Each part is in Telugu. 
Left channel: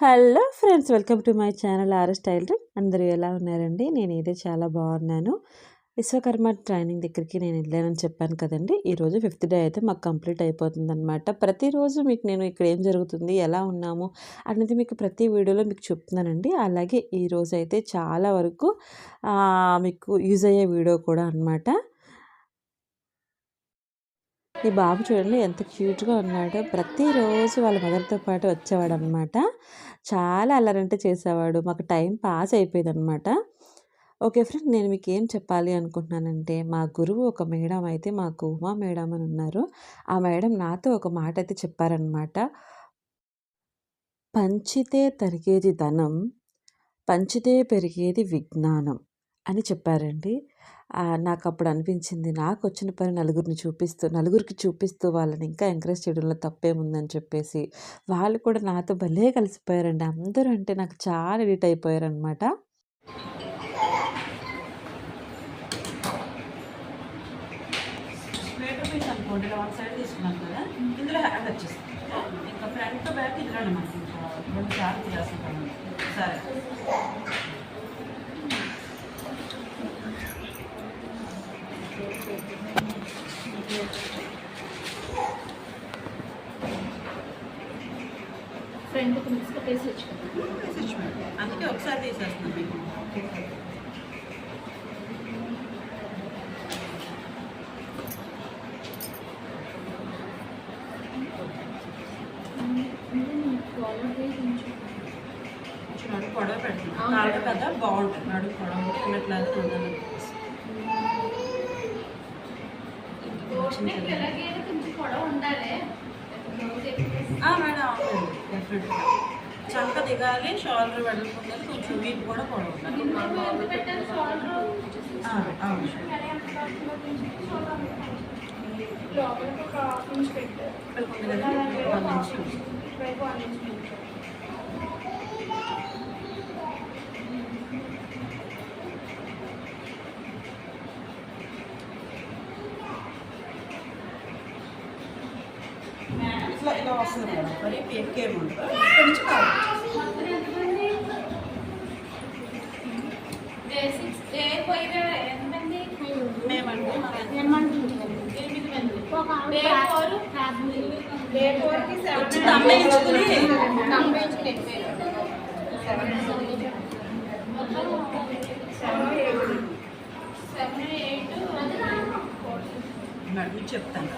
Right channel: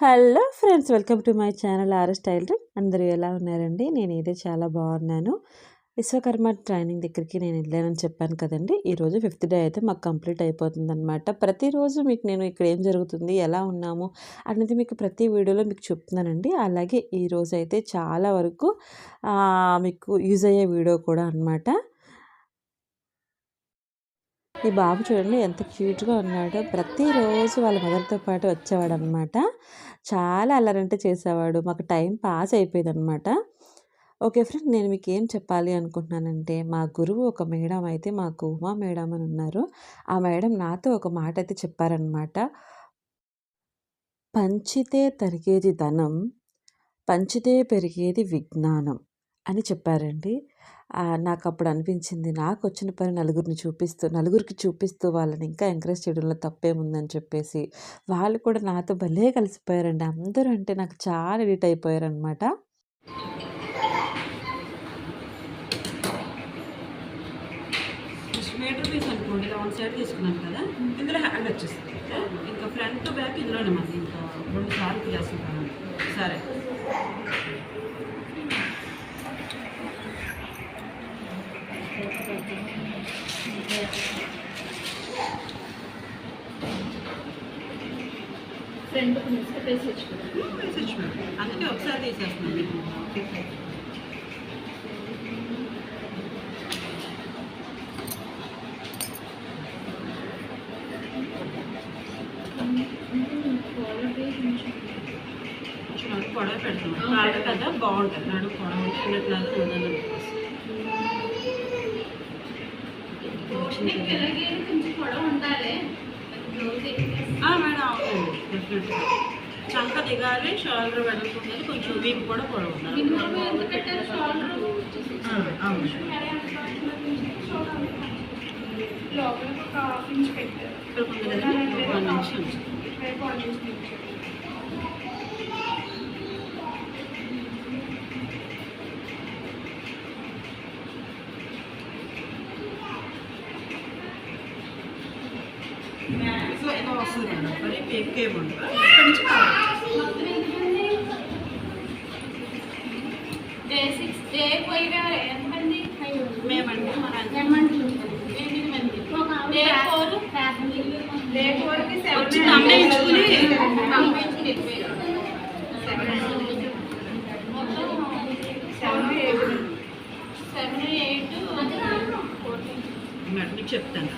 Hello friends welcome to my channel R style అందరూ ఎలా ఉన్నారండి? నేను చాలా బాగున్నాను. విశ్వకర్మ ట్రైనింగ్ దగ్గరికి నేను వెళ్ళానని చెప్పాను కదండి. ఈరోజు ఫిఫ్త్ డే అయితే మాకు కంప్లీట్ అయిపోతుంది అనమాట ప్రతిరోజు మీకు నేను ఇక్కడ ఏం జరుగుతుంది ఎలా ఉన్నాము అనేది మీకు ప్రతి వీడియోలో మీకు చెప్తున్నానండి. అలాగే ఈరోజు అయితే చాలా వరకు మీకు యూజ్ అయ్యే వీడియో కూడా అనమాట ఈ బాబు చూడండి ఎంత క్యూట్గా ఉన్నాడో. ప్రతిరోజు వాళ్ళ మదర్తో పాటు వచ్చేవాడు అనమాట చాలా అల్లరంటే చేసేవాడు. మాకు టైం పాస్ అయిపోయేది అనమాట ఓకే ఫ్రెండ్ నేను మీకు ఏం చెప్పాలి అనుకుంటున్నానంటే మా గురువు ఒక మేడం అయితే మాకు ఉమా మేడం అని ఉన్నారు. ఆ మేడం నాతో ఒక మాట అయితే చెప్పారనమాట. పంచితే తరిగేది ధనం పంచితే పెరిగేది విజ్ఞానం. అని చెప్పారండి. నాకు అప్పుడు అనిపించింది నాకు వచ్చిన పని నలుగురిని చూపిస్తూ నలుగురికి చూపిస్తూ వాళ్ళని ఇంకా ఎంకరేజ్ చేయడంలో తప్పేముందని చెప్పేసి వాళ్ళు కూడా నాతో భలే కలిసిపోయారండి. అందరూ అంటే నాకు చాలా ఎడిట్ అయిపోయారనమాట మీటర్ పీస్ అనుకోండి ఇలా వన్ సైడ్ తీసుకున్నాను కదా ఇందులో హ్యాండ్ వచ్చేస్తుంది ఇంకా ఫ్రంట్ బ్యాక్ ఇందులోనే మనకి ఇంకా రెండు సార్లు సరే. ఫ్రంట్ కొంచెం పేసేచ్చు కదా? వేసేయచ్చు. అందుకే ఒకసారి తీసేస్తున్నాను మీకు. కాలర్ పేజ్ కొంచెం కొంచెం నడుము పొడవ పెడుతున్నాను కాళ్ళ కదా బాగుంటుంది నడుము పొడవ ఉన్నట్లాగా ఉందని నీకు ఇలాగే కొంచెం పొడవు ఉండాలి. రోజు ఆ, మేడం అవునండి డెఫినెట్గా చంక దిగాలి షోల్డర్ వెడల్పు ఉండాలి కొంచెం వీపు కూడా పొడవు ఉండాలి ఎంత పెట్టారు షోల్డర్? ఆ, అవును లోపల ఒక హాఫ్ ఇంచ్ పెట్టారు ఇక్కడ ఉంది కదండి వన్ నుంచి ఇటువైపు వన్ ఇంచ్ పెంచారు ఇట్లా ఇలా వస్తుంది మేడం మరి ఎక్కువ ఉండదు ఇక్కడ నుంచి మేమండి. వచ్చి తమ్మేయించుకుని సెవెన్ ఎయిట్. మీకు చెప్తాను.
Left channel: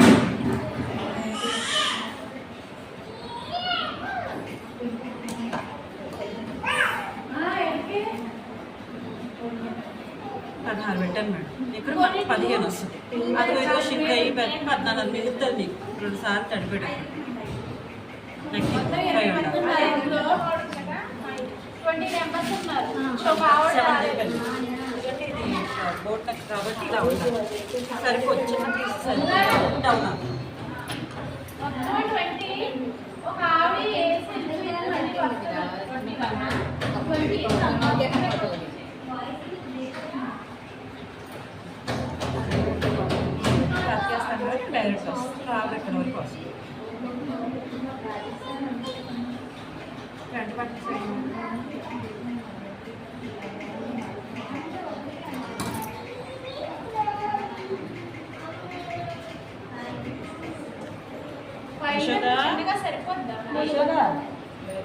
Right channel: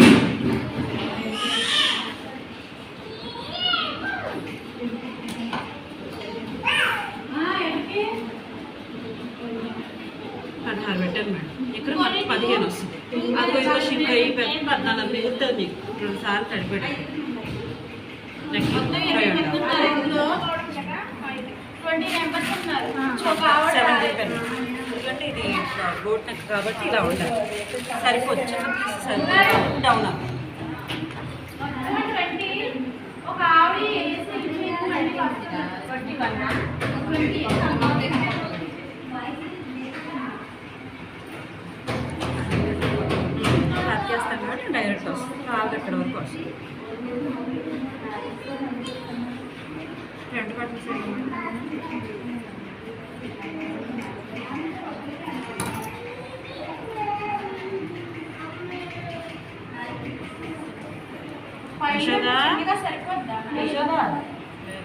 ఇక్కడ పెట్టాను మేడం ఇక్కడ మనకు పదిహేను వస్తుంది అది ఇదిగో షింక్ అయ్యి పెట్టి పద్నాలుగు మిగుతుంది మీకు రెండు సార్లు తడిపేటప్పుడు నెక్స్ట్ సెవెన్ చెప్పాను ఎందుకంటే ఇది బోట్ నెక్ కాబట్టి ఇలా ఉండాలి సరిపోదు చిన్న పీస్ సరిపోదు డౌన్ అవ్వాలి ఒక ఆవిడ ట్వంటీ చేస్తాను కాబట్టి డైరెక్ట్ వస్తుంది. బాగా ఇక్కడ వరకు?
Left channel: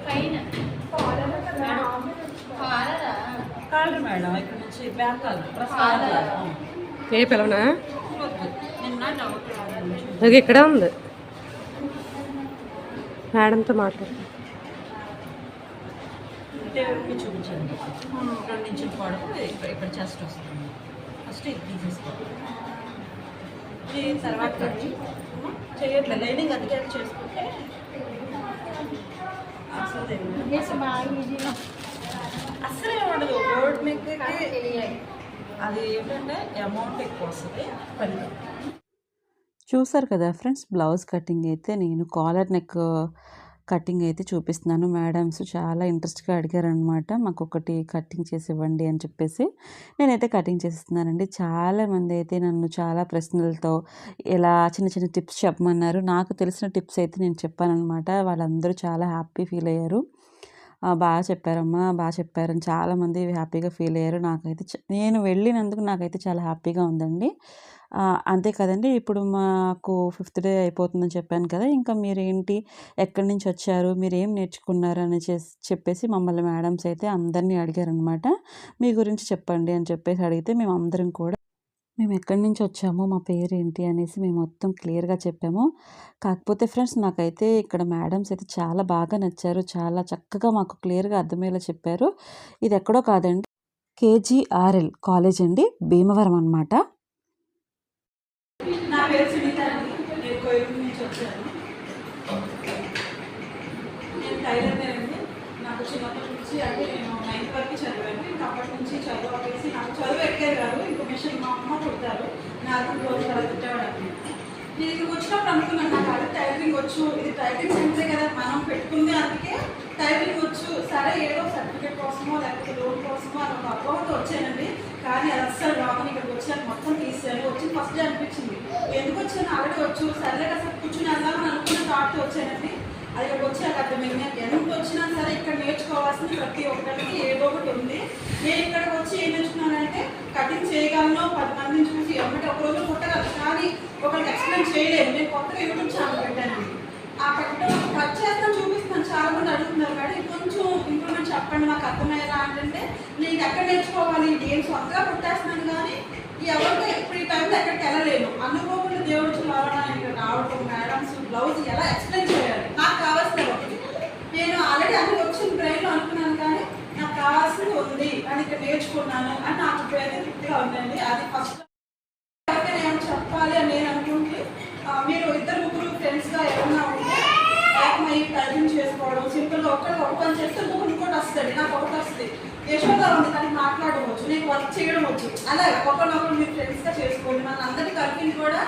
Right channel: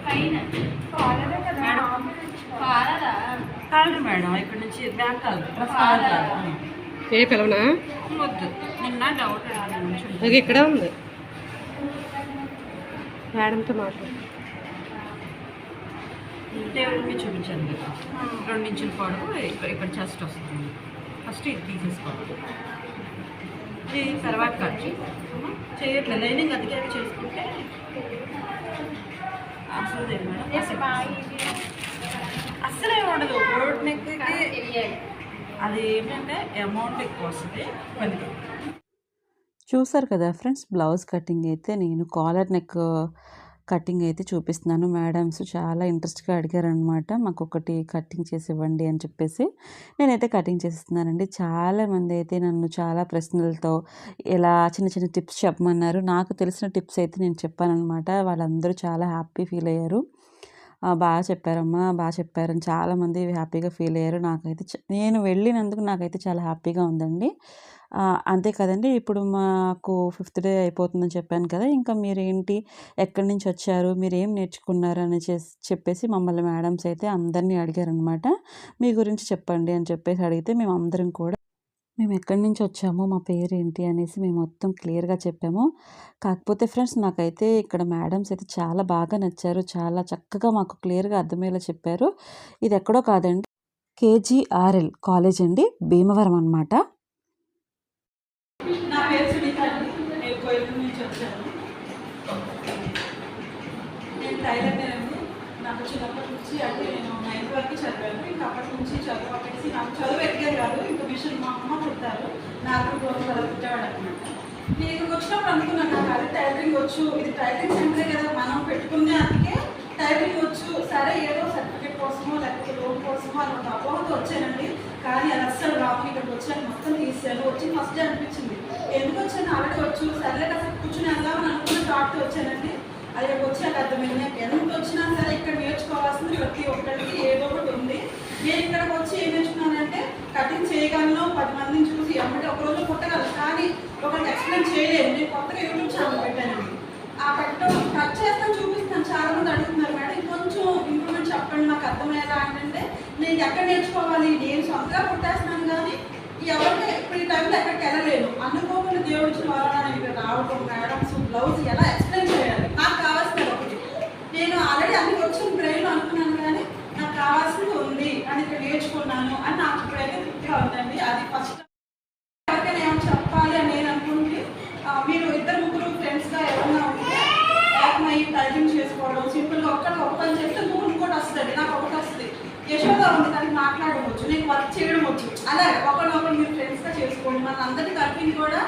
పైన. మేడం కాలరా మేడం ఇక్కడ నుంచి back caller plus caller caller ఏ పిలవనా? వద్దు. అది ఇక్కడ ఉంది. మేడంతో మాట్లాడు. దేవుడికి చూపించండి. రెండు ఇంచుల పొడవు ఇక్కడ చెస్ట్ వస్తుంది? ఫస్ట్ ఇది తీసేసుకోవాలి. ఇది తర్వాత. చేయట్లేదు. లైనింగ్ అందుకే చేసుకుంటే అసలు ఉండదు. నెక్కి అది ఏంటంటే అమౌంట్ ఎక్కువ వస్తుంది. పని. చూసారు కదా ఫ్రెండ్స్ బ్లౌజ్ కటింగ్ అయితే నేను కాలర్ నెక్ కటింగ్ అయితే చూపిస్తున్నాను. మేడమ్స్ చాలా ఇంట్రెస్ట్గా అడిగారనమాట మాకు ఒకటి కటింగ్ చేసి ఇవ్వండి అని చెప్పేసి. నేనైతే కటింగ్ చేస్తున్నానండి చాలామంది అయితే నన్ను చాలా ప్రశ్నలతో ఇలా చిన్న చిన్న టిప్స్ చెప్పమన్నారు. నాకు తెలిసిన టిప్స్ అయితే నేను చెప్పానమాట వాళ్ళందరూ చాలా హ్యాపీ ఫీల్ అయ్యారు. బాగా చెప్పారమ్మా బాగా చెప్పారని చాలామంది హ్యాపీగా ఫీల్ అయ్యారు. నాకైతే నేను వెళ్ళినందుకు నాకైతే చాలా హ్యాపీగా ఉందండి. అంతే కదండి. ఇప్పుడు మాకు ఫిఫ్త్ డే అయిపోతుందని చెప్పాను కదా! ఇంకా మీరేంటి? ఎక్కడి నుంచి వచ్చారు? మీరు ఏం నేర్చుకున్నారు అని చెప్పేసి మమ్మల్ని మేడమ్స్ అయితే అందరినీ అడిగారనమాట. మీ గురించి చెప్పండి అని చెప్పేసి అడిగితే మేము అందరం కూడా మేము ఎక్కడి నుంచి వచ్చాము? మా పేరు ఏంటి అనేసి మేము మొత్తం క్లియర్గా చెప్పాము. కాకపోతే ఫ్రెండ్స్ నాకైతే ఇక్కడ మేడమ్స్ అయితే చాలా బాగా నచ్చారు. చాలా చక్కగా మాకు క్లియర్గా అర్థమయ్యేలా చెప్పారు. ఇది ఎక్కడో కాదండి కేజీఆర్ఎల్ కాలేజ్ అండి భీమవరం అనమాట పేరు సునీత అండి నేను కోయిలూరు నుంచి వచ్చాను. నేను టైలర్నేనండి నాకు చిన్నప్పటి నుంచి అంటే నేను నైన్త్ వరకు చదివాను. ఇంకా అప్పటి నుంచి చదువు ఆపేసి నాకు చదువు ఎక్కారు కాదు. ఇంకా మిషన్ మా అమ్మ కుడతారు. నాకు రోజు కూడా తిట్టాడు అనమాట నేను ఇక్కడికి వచ్చినప్పుడు అనుకున్నాను నాకు అది టైలరింగ్ వచ్చు. ఇది టైలరింగ్ సెంటరే కదా. మనం పెట్టుకుందే అందుకే టైలరింగ్ వచ్చు. సరే ఏదో సర్టిఫికేట్ కోసమో లేకపోతే లోన్ కోసమో అని ఒక అపోహతో వచ్చానండి. కానీ అది అస్సలు రామని ఇక్కడికి వచ్చాను మొత్తం తీసాను వచ్చి ఫస్ట్ డే అనిపించింది. ఎందుకు వచ్చాను ఆల్రెడీ వచ్చు సర్లే కాస్త కూర్చుని వెళ్దామని అనుకున్న థాట్తో వచ్చానండి. అది ఇక్కడికి వచ్చాక అర్థమైంది. నాకు ఎంత వచ్చినా సరే ఇక్కడ నేర్చుకోవాల్సింది ప్రతి ఒక్కరికి ఏదో ఒకటి ఉంది. నేను ఇక్కడికి వచ్చి ఏం నేర్చుకున్నానంటే కటింగ్ చేయగలను. పది మందిని చూసి ఎమ్మటి ఒక రోజు కొట్టగలను. కానీ ఒకరికి ఎక్స్ప్లెయిన్ చేయలేదు. నేను కొత్తగా యూట్యూబ్ ఛానల్ పెట్టానండి. ఆ కట్టడం కట్ చేస్తాను చూపిస్తాను. చాలా మంది అడుగుతున్నారు మేడం ఇది కొంచెం ఇంప్రూవ్మెంట్ చెప్పండి నాకు అర్థమయ్యేలా అంటే నేను ఎక్కడ నేర్చుకోవాలి? నేను సొంతగా పుట్టేస్తున్నాను కానీ ఎవరికి ఇప్పుడు ఈ టైంలో ఎక్కడికి వెళ్ళలేను అనుకోకుండా దేవుడు రావడానికి నేను ఇక్కడ రావడం మేడమ్స్ బ్లౌజ్ ఎలా ఎక్స్ప్లెయిన్ చేయాలి? నాకు కావాల్సిన ఒకటి. నేను ఆల్రెడీ అన్ని వచ్చిన బ్రెయిన్లో అనుకున్నాను కానీ నాకు కావాల్సింది ఉంది. అని ఇక్కడ నేర్చుకున్నాను అని నాకు ఇప్పుడైతే తృప్తిగా ఉందండి. అది ఫస్ట్ ఎవరికైనా ఏమైనా చెప్పాలి అని నేను అనుకుంటే ఆ, మీరు ఇద్దరు ముగ్గురు ఫ్రెండ్స్గా ఎవరన్నా ఉంటే ఏకమై టైపింగ్ చేసుకోవడం సింపుల్గా ఒక్కరికి ఒక పని చేస్తే ఇంకొకటి ఇంకోటి వస్తుంది నాకు ఒకటి వస్తుంది యశోద ఉంది కానీ మాట్లాడవచ్చు నీకు వర్క్ చేయడం వచ్చు అలాగే ఒకరినొకరు మీరు ఫ్రెండ్స్గా చేసుకోండి. మన అందరి కలిపింది కూడా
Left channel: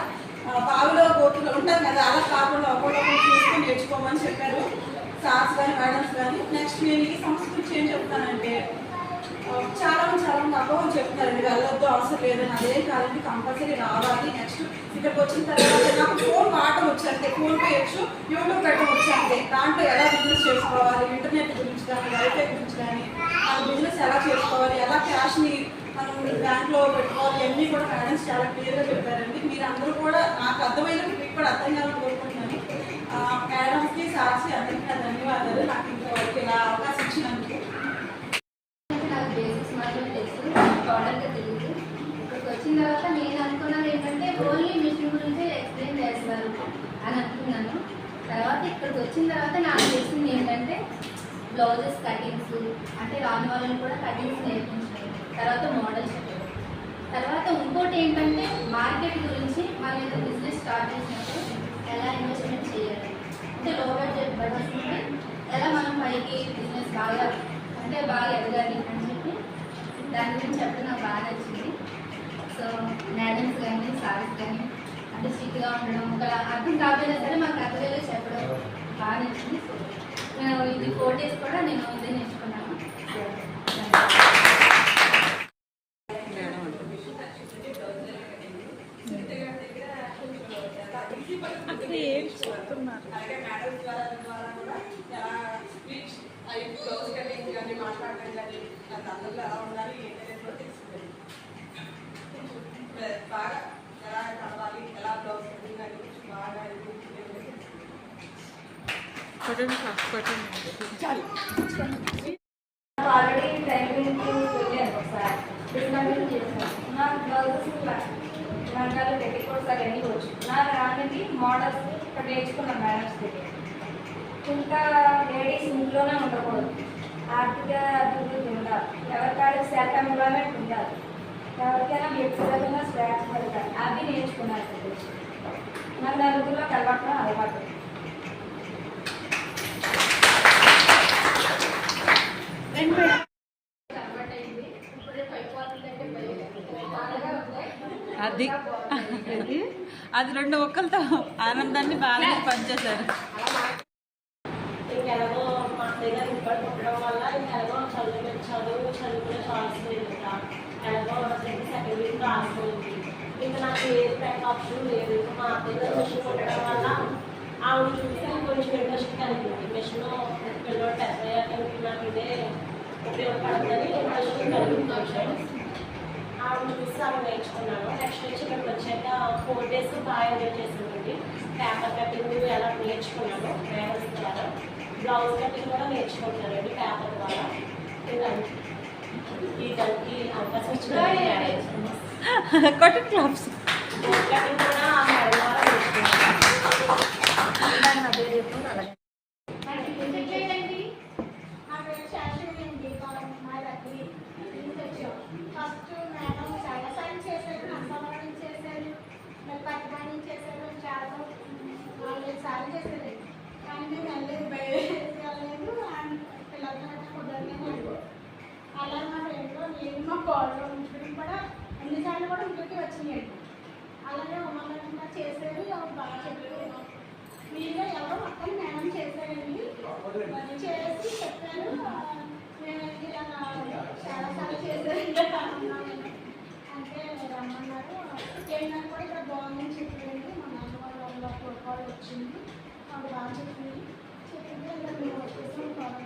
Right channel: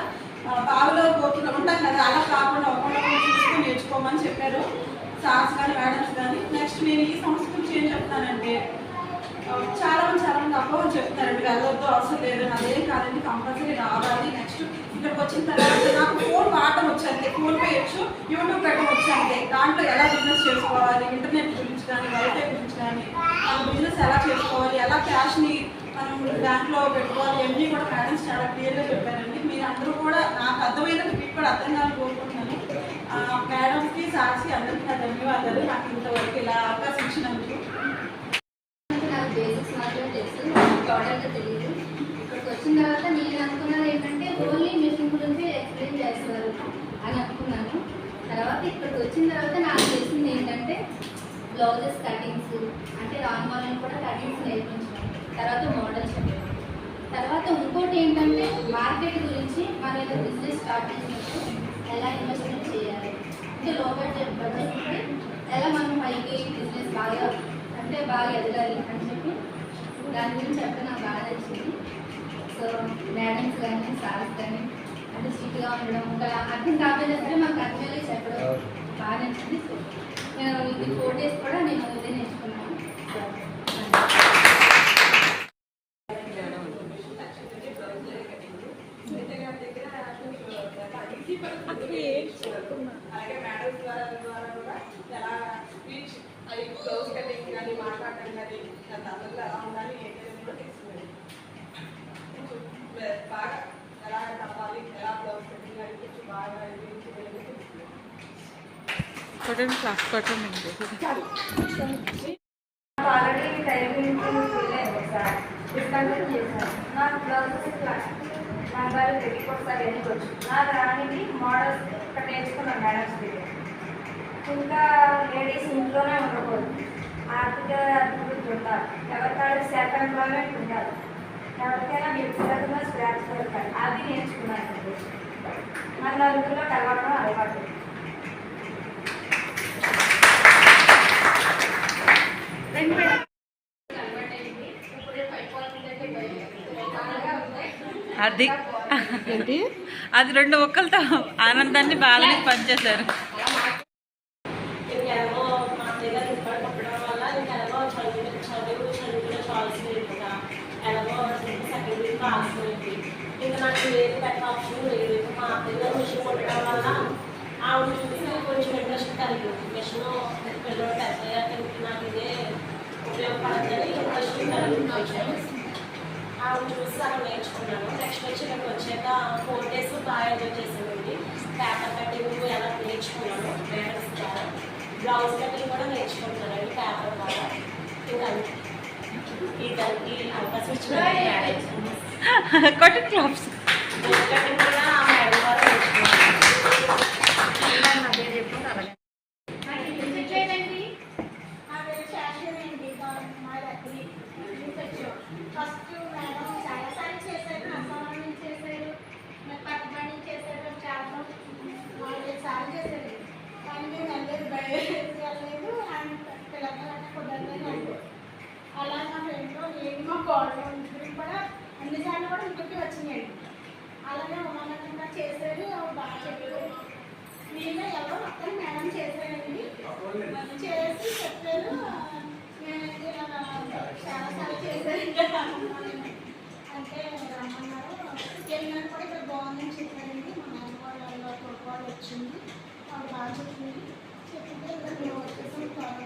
బావిలో గోతులు ఉంటాం కదా అలా కాకుండా ఒకరినొకరు చూసుకొని నేర్చుకోమని చెప్పారు సార్స్ కానీ మేడమ్స్ కానీ నెక్స్ట్ నేను ఈ సంస్థ గురించి ఏం చెప్తానంటే చాలా మంది చాలా మంది అపోహలు చెప్తారు. మీరు వెళ్ళొద్దు అవసరం లేదని అదే కాదండి కంపల్సరీ రావాలి. నెక్స్ట్ ఇక్కడికి వచ్చిన తర్వాత నాకు ఫోన్ వాడటం వచ్చు ఫోన్ పేయచ్చు యూట్యూబ్ పెట్టడం వచ్చు దాంట్లో ఎలా బిజినెస్ చేసుకోవాలి ఇంటర్నెట్ గురించి కానీ వైఫై గురించి కానీ మన ఎలా చేసుకోవాలి ఎలా క్యాష్ని మనం బ్యాంక్లో పెట్టుకోవాలి ఇవన్నీ కూడా మేడమ్స్ చాలా క్లియర్గా చెప్పారండి. మీరు అందరూ కూడా నాకు అర్థమైనట్టు మీకు కూడా అర్థం కావాలని కోరుకుంటున్నాను. మేడంకి మేడమ్స్కి సాక్షి అందరికీ నా ధన్యవాదాలు. నాకు ఇంతవరకు ఇలా అవకాశం ఇచ్చినందుకు. నాకు బేసిక్స్ మాత్రమే తెలుసు టోటల్గా తెలియదు ఇక్కడికి వచ్చిన తర్వాత నేను అనుకున్నది ఏంటంటే ఓన్లీ మిషన్ గురించి ఎక్స్ప్లెయిన్ చేస్తారు అని అనుకున్నాను. తర్వాత ఇక్కడికి వచ్చిన తర్వాత నాకు తెలిసింది ఏంటంటే బ్లౌజెస్ కటింగ్స్ అంటే రాని వాళ్ళని కూడా కటింగ్స్ నేర్పించాను తర్వాత మోడల్స్ తర్వాత ఇంకోటి ఏంటంటే మార్కెట్ గురించి మనం ఏదో బిజినెస్ స్టార్ట్ చేసినప్పుడు ఎలా ఇన్వెస్ట్మెంట్ చేయాలి? అంటే లో బడ్జెట్ బడ్జెట్ ఉంటే ఎలా మనం పైకి బిజినెస్ బాగా అంటే బాగా ఎదగాలి అని చెప్పి దాని గురించి చెప్పడం నాకు బాగా నచ్చింది. సో మేడమ్స్ కానీ సార్స్ కానీ అంటే స్ట్రిక్ట్గా ఉండడం ఇంకా అర్థం కాకపోయినా సరే మాకు అర్థమయ్యే చెప్పడం బాగా నచ్చింది. సో నేను ఇది ఫోర్ డేస్ కూడా నేను ఇదే నేర్చుకున్నాను. అలాగే మేడం ద్వారా ద్వారా కూడా ఎలా స్పీచ్ అవి క్లోజ్ కటింగ్ కానీ మాట్లాడడం కానీ నా తల్లు ఎలా ఉండాలి ఏంటి అనేది కూడా తెలుసుకునేది కొంచెం బాగా ఎలా తప్పాలి ఎలా క్లోజ్ కటింగ్ అని కొంచెం బాగా ఇది తెలుసుకునేది ఆల్రెడీ టైపింగ్ వెళ్ళాను ఒకసారి డిస్కౌంట్ చేశాను నాకు బ్లౌజెస్ లంగాలు పెట్టికోట్స్ అవన్నీ వచ్చు నా రానికి మోడల్స్ ఇక్కడ నేర్చుకున్నాను మేడమ్స్ దగ్గర ఇంకా లేడీస్ ఇంట్లోనే ఉండకూడదు. ఆర్థిక అభివృద్ధి ఉండాలి. ఎవరికైనా సెల్ఫ్ ఎంప్లాయ్మెంట్ ఉండాలి. ఎవరికైనా వ్యక్తిగతంగా స్టాక్స్ దొరకాలి అది నేర్చుకున్నాను మన నలుగురిలో కలవటం అలవాటు కన్వర్ట్ అయింది ఇప్పుడు పడిపోతుందంటే బాగా ఉంటాయి అది అది రెండు ఒక్కలతో ఆనందాన్ని బాగానే పనిచేశారు ఇంకెలాగో మా అత్తయ్య గారు ఇక్కడ పుట్టడం వల్ల ఇంకెలాగో చదువు చదువు చదువుకునే ఇంకా నాకు పెద్ద ఆప్షన్ లేదు. ఇంకా మా అత్తయ్య గారు మిషన్ కుట్టడం వల్ల ఆవిడ చూసి కొంచెం ఇంట్రెస్ట్ కలిగింది. మిషన్ పిల్లలు పెద్దయ్యాక నాకు మళ్ళీ ఆమె చూసి అలా నేర్చుకున్నాను నెక్స్ట్ వచ్చి నేను వచ్చాక ఫోర్ డేస్ బాగా ఎంజాయ్ చేసిందండి పేపర్ కటింగ్ ఎలా నేర్చుకున్నాను ద్వారా బ్లౌజ్ కటింగ్ కూడా నేర్చుకుంటానండి పేపర్ ద్వారా ఈ దానికి అవకాశం ఇచ్చిన కొట్టు క్లాప్స్ కటింగ్ కూడా ఆ మేడం ద్వారా నేర్చుకున్నాను అలాగే చెప్పేటండి నా పేరు శాశ్వతి అండి మా దగ్గర ఫస్ట్ మేడం చాలా సార్లు చేశారు నమ్మకం చేశారు మరి కట్టుబడి చేశారు చాలా నాలుగైదు సార్లు చేశారు కానీ మేము వెళ్ళలేదు బయటకు వెళ్ళలేదు అండ్ పిల్లలకి కుదరలేదు అలా మా ఫ్రెండ్లో నేను మా కోడలో ఇంటికి కూడా అన్నిసార్లు కూడా ఇంటికి వచ్చినాయి అలాగే ఉమానందంగా చేశారు అవి బాగా చెప్పారు మీలో ఎవరో మొత్తం మేడం చేశారండి మరి చేసి చెప్పారు నేనైతే ఇలా చాలా సార్లు చేశారంటే అన్నాను అంటే రమ్మన్నారు వెళ్ళినా కూడా ఇక్కడ బాగుందని చెప్పారండి మా నాన్న వాళ్ళ వాళ్ళ వచ్చింది వాళ్ళు బాగా చెప్పింది చెప్పింది ఇంకా మేము వచ్చేసాం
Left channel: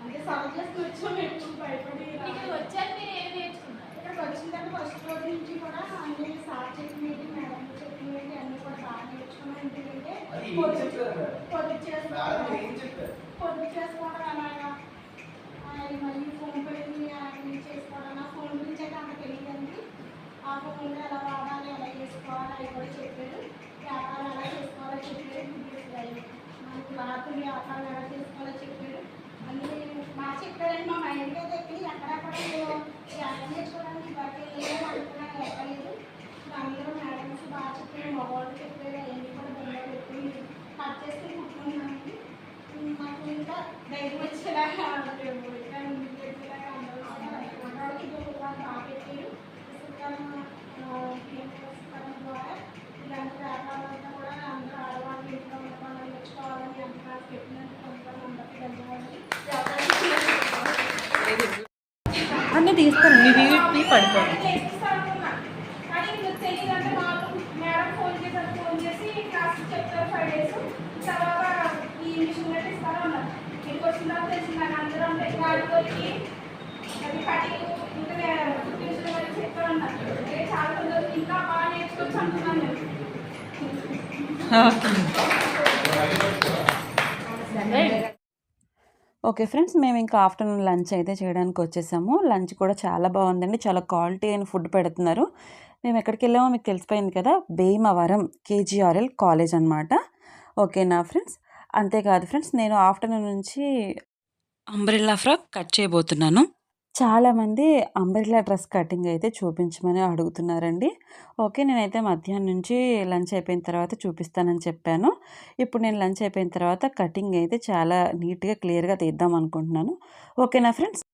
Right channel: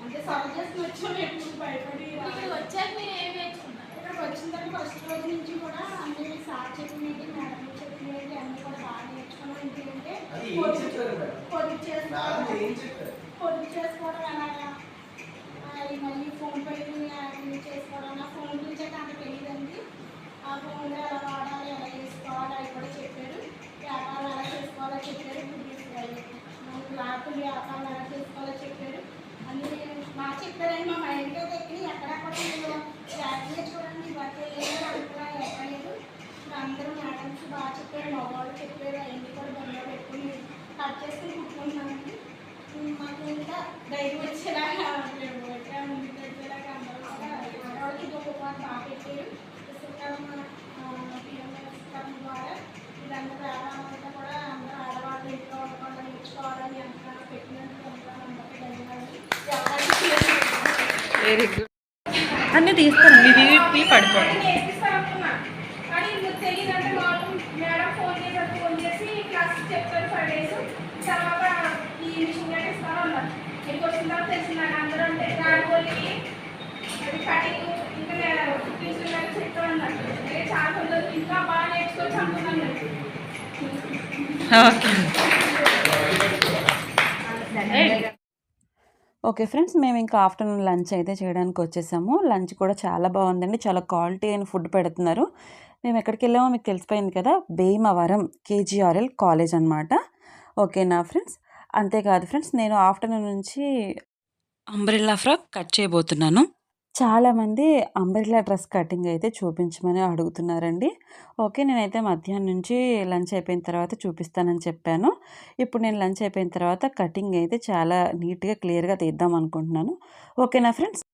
అంటే సర్వ్ చేసుకుని వచ్చాం ఎక్కువ భయపడి. వచ్చాక మీరు ఏం నేర్చుకున్నారు? ఇక్కడికి వచ్చిన తర్వాత ఫస్ట్ రోజు నుంచి కూడా అన్ని సార్ చెప్పినవి మేడం చెప్పినవి అన్ని కూడా బాగా నేర్చుకున్నాం. ఎందుకంటే మేడం? చేసుకోవడం. పొదుపు చేసుకోవడం ఈ మళ్ళీ ఫోన్ అవి చేసుకోవడం. నా ఫోన్ గురించి అయితే అంత తెలియదండి. ఆ ఫోన్ ఎలా వాడాలి ఎలా చేసుకోవాలి అవి కూడా చెప్పారు. వ్యాపారం ఎలా చేసుకోవాలో చెప్పారు. మనకి క్లాతులు వ్యాపారం ఎలా చేసుకోవాలో చెప్పారు. అన్నీ బాగా చెప్పారండి మా మైండ్కి అయితే ఎక్కి చూడండి బట్టి లేదు అనుకున్నా ఎక్కలేదు ఇప్పుడు అందరూ మేడమ్స్ బాగా చెప్పారు మగవాళ్ళు చెప్పారు అవన్నీ కూడా బండ్లో పెట్టుకుని కట్ చేసి కుట్టుకున్నామండి మాకు ఇంకా ధైర్యం వచ్చేలాగా మేము ఇంకా ముందుకు వచ్చేలాగా అందరూ కూడా ఆడవాళ్ళకి ఇది ఒక బాగా బాగా పెట్టారు పుస్తకాలం పిఎంఎస్ ద్వారా వీళ్ళందరూ వ్యాపారాలంతా కూడా అందరూ ఆడవాళ్ళు ఇంట్లో ఉండకుండా నేర్చుకోవాలని అంత బాగా పెట్టినందుకు అందరూ అందరికీ ధన్యవాదాలు వ్యాపారం వెరీ గుడ్ అన్నీ తీస్తాను మీ మీ పడుకోండి. నేర్పిస్తా ఓకే ఫ్రెండ్స్ మేము ఇంకా ఆఫ్టర్నూన్ లంచ్ అయితే చేయడానికి వచ్చేసాము. లంచ్ కూడా చాలా బాగుందండి. చాలా క్వాలిటీ అయిన ఫుడ్ పెడుతున్నారు. మేము ఎక్కడికి వెళ్ళామో మీకు తెలిసిపోయింది కదా భీమవరం కేజీఆర్ఎల్ కాలేజ్ అనమాట ఓకేనా ఫ్రెండ్స్? అంతేకాదు ఫ్రెండ్స్ నేను ఆఫ్టర్నూన్ నుంచి అంబ్రెల్లా ఫ్రాక్ కట్ చేయబోతున్నాను. చాలామంది అంబ్రెల్లా డ్రెస్ కటింగ్ అయితే చూపించమని అడుగుతున్నారండి. ఓకే నేనైతే మధ్యాహ్నం నుంచి లంచ్ అయిపోయిన తర్వాత చూపిస్తానని చెప్పాను. ఇప్పుడు నేను లంచ్ అయిపోయిన తర్వాత కటింగ్ అయితే చాలా నీట్గా క్లియర్గా తీద్దాం అనుకుంటున్నాను. ఓకేనా ఫ్రెండ్స్?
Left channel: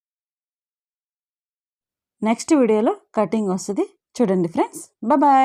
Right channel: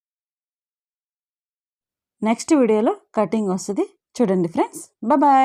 నెక్స్ట్ వీడియోలో కటింగ్ వస్తుంది. చూడండి ఫ్రెండ్స్. బాయ్.